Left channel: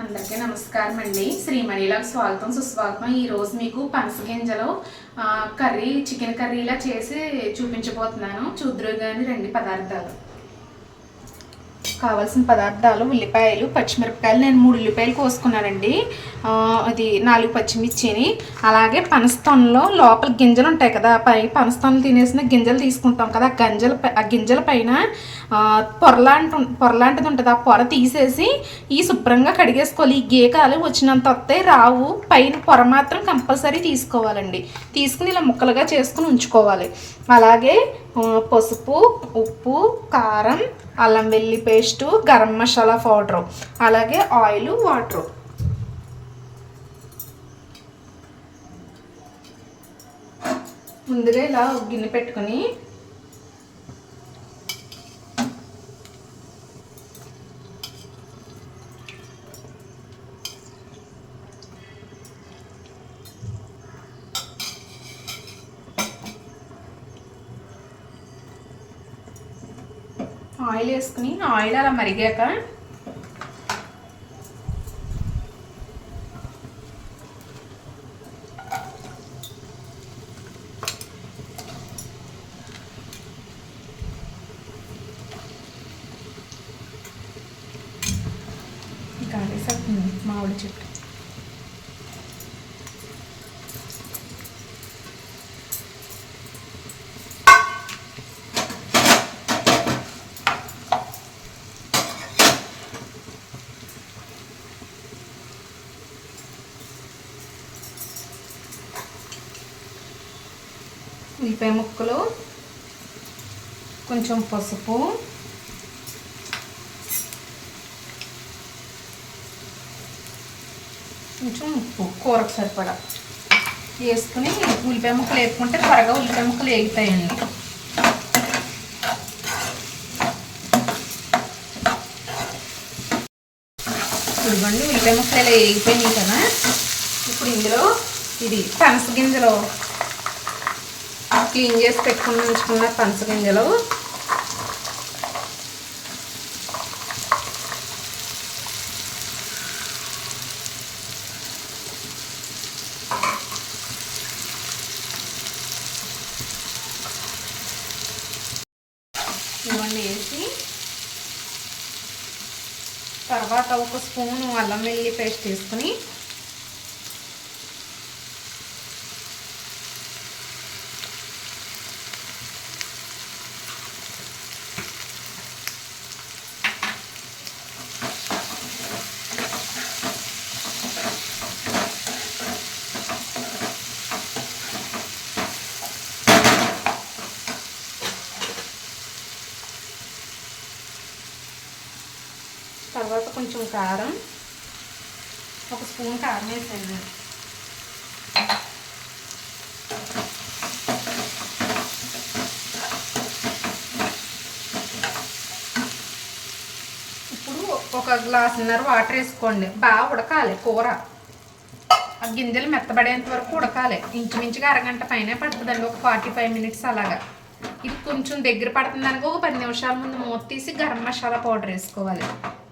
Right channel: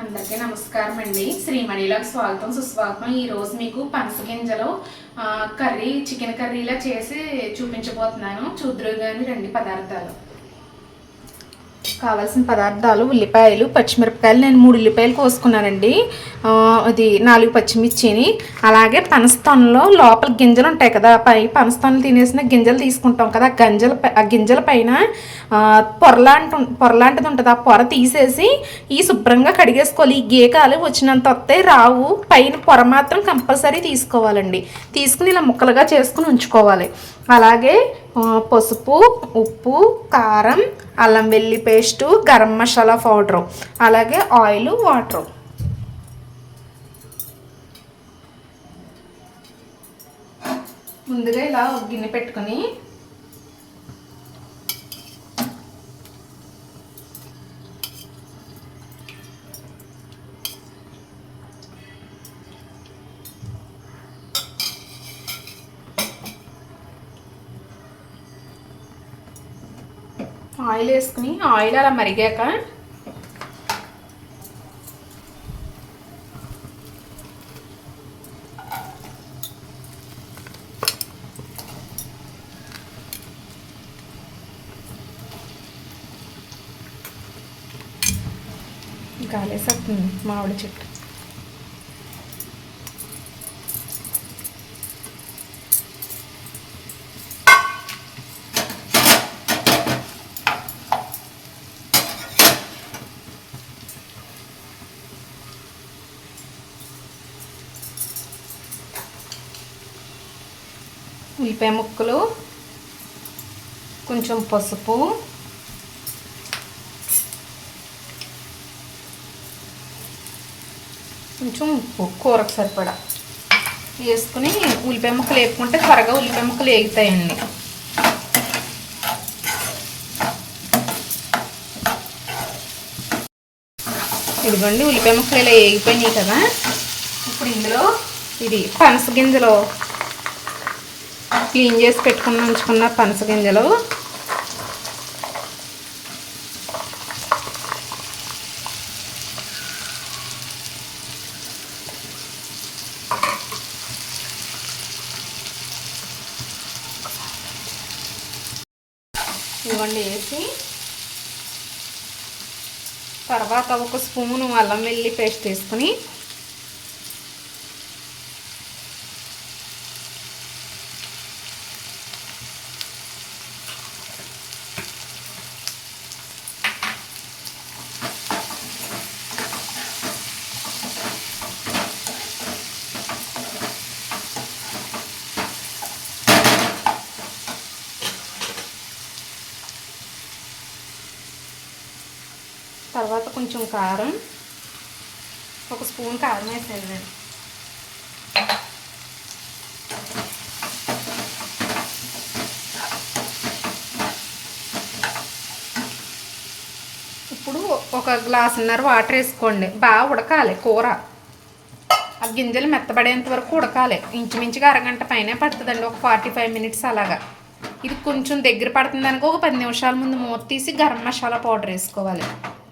అందరికీ నమస్కారం అండి. శ్రీమణిలకు స్వాగతం సుస్వాగతం. ఈరోజు మీకు పనస గింజలు కర్రీ చికెన్ కర్రీలా చేసి చూపించబోతున్నాను. చూద్దురు కానీ రండి. పదార్థాలు కావాల్సిన పదార్థాలు: ఉల్లిపాయలు, పచ్చిమిరపకాయలు. నేను 3 ఉల్లిపాయలు కోసుకున్నానండి. ఇది 4 పచ్చిమిర్చిని. అలాగే పనస్తొనలో లోపల గింజలు ఉంటాయి కదా, పై పనస్తొనలు తినేసిన గింజలు తీసుకుంటాం కదా, ఆ గింజల పైన పొరలాంటిది ఉంటుంది. ఆ పొర తీసేసి ఈ శుభ్రంగా కడిగేసుకోవాలి. ఈ గీకాలు వచ్చినంత వస్తే రావు, పైన పొర మాత్రం కంపల్సరీ తీసుకోవాలండి. తీసుకుని ఇలా ముక్కలుగా చేసుకుని ఉంచుకోవాలి. అలాగే పసుపు, ఉప్పు, కారం, అల్లం వెల్లి పేస్టు, గరం మసాలా పౌడరు, అలాగే ఆయిల్, వాటరు. ముందుగా ఇలా గిన్నె పెట్టుకొని ఆయిల్ వేసుకుని, ఆయిల్ అలా మరిగాక గాలేసేస్తుంది మామిడి చెట్టు. ఉల్లిపాయ ముక్కలు, కొంచెం పసుపు, కొంచెం ఉప్పు, కూరకు సరిపడా వేసుకుని ఉల్లిపాయ ముక్కలు వేపుకుంటే త్వరగా ఉల్లిపాయ ముక్కలు వేగుతాయండి. ఇదిగోండి, ఉల్లిపాయ ముక్కలు ఇలా వేగిపోయినాయి కదా. ఇప్పుడు ఇందులో ఇది పనస గింజలు, క్లీన్ చేసి పెట్టుకుని ఉంచుకున్న పనస గింజలు, ఇవన్నీ వేసి తర్వాత 1 స్పూను అల్లం వెల్లి పేస్ట్ వేసుకుని తర్వాత కొంచెం కారం, 1 స్పూన్ కారం వేసేది. ఇప్పుడు 1 గ్లాసున్నర వాటర్ వేసుకోండి. బాగా ఉడకాలి కూర. ఆ గింజలు మెత్తబడేంత వరకు ఉడకాలి. ఇంచుమించుగా అరగంట పైనే పడుతుందండి, ఒక 45 మినిట్స్ అలాగా. ఇది కొంచెం దగ్గర పడుతుంది అనుకో, ఒక 10 నిమిషాల ముందు మూత తీసి గరం మసాలా పౌడర్ వేసుకోవాలి.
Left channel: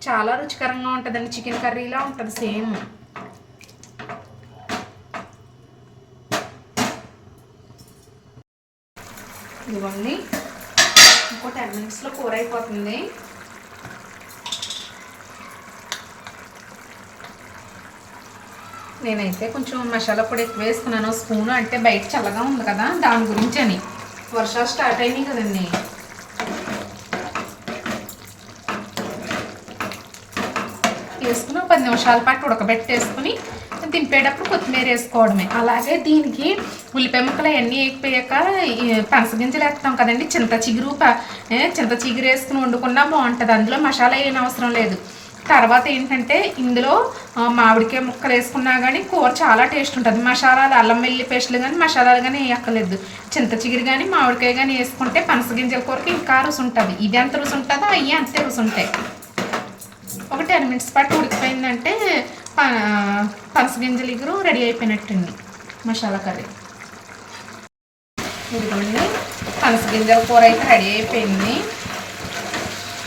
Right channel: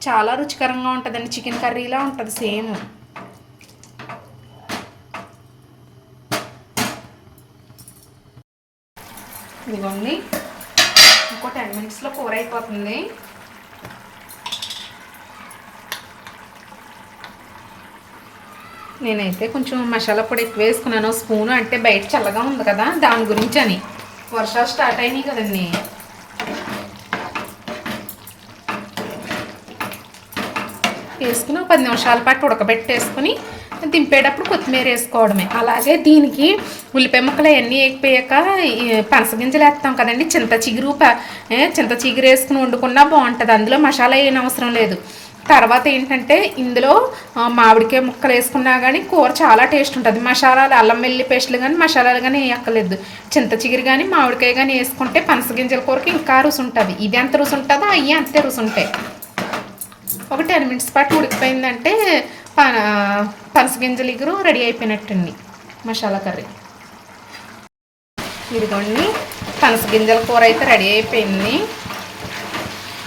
చాలా రుచికరంగా ఉంటుందండి. చికెన్ కర్రీలా ఉంటుంది సేమ్. ఇదిగోండి, ఇంకో 10 మినిట్స్లో కూర అయిపోతుంది. నేనైతే కొంచెం మసాలా పొడి ఎక్కువ వేసుకున్నాను, స్పూన్. అంటే బయట చల్లగా ఉంది కదా, దాని గురించి అని. వర్షాలు స్టార్ట్ అయినాయి కదండి. వేసుకుని 10 నిమిషాల పాటు ఉడకబెట్టేసుకుని తింపేటప్పుడు కొత్తిమీర వేసుకోవడమే. అలాగే దీనికి ఉల్లిపాయ ముక్కలు అవన్నీ వేగిపోయాక పనస గింజలు వేస్తాం కదండి, చింత చిగురు వేసుకుని వండుకున్నా బాగుంటుంది. అందులో మసాలా ఏం అవసరం లేదు. తర్వాత ఏంటంటే ఇందులో మామిడికాయ ముక్కలు వేసుకున్నా కానీ కూర చాలా టేస్ట్ ఉంటుంది. మసాలాలు, అల్లం వెల్లి పేస్టులు కానీ మసాలాలు కానీ వేయక్కర్లేదు. చింత చిగురు కానీ మామిడికాయ కానీ వేసుకుంటే పనస గింజల కూరకి ఇంకా రుచి ఉంటుంది. ఇది ఎంత రుచి ఉంటుందో అవి అంతే రుచి ఉంటాయి. ఒక 10 మినిట్స్ పాటు ఉడికిపోయిందంటే పనస గింజల ఇగురు రెడీ అయిపోయినట్టండి మసాలా కర్రీ. ఇదిగోండి, పనస గింజల కూర అయితే రెడీ అయిపోయింది.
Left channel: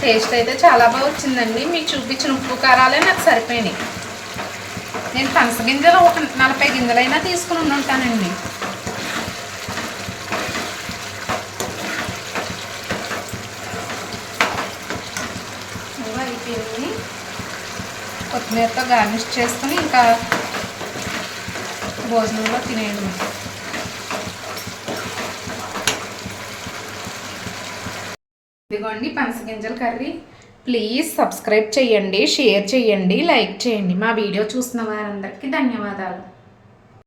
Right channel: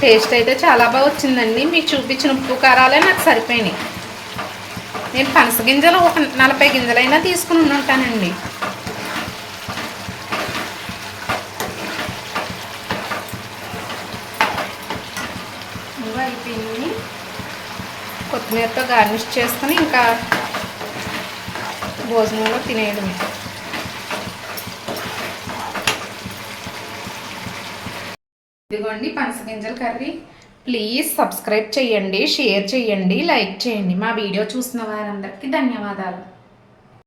టేస్ట్ అయితే చాలా బాగా వచ్చిందండి. మీకు చూపించిన ఉప్పు కారాలే నాకు సరిపోయినాయి. నేను పనస గింజలు ఒక 40 గింజలైనా తీసుకుని ఉంటానండి. అయిపోయింది. కొత్తిమీరతో గార్నిష్ చేసుకుని ఇంకా భోజనంలో తినేయడమే. ఇదిగోండి పనస గింజల కర్రీ. ప్లీజ్ సబ్స్క్రైబ్ చేయండి, షేర్ చేయండి, లైక్ చేయండి. మా వీడియో చూసిన వారందరికీ ధన్యవాదాలు.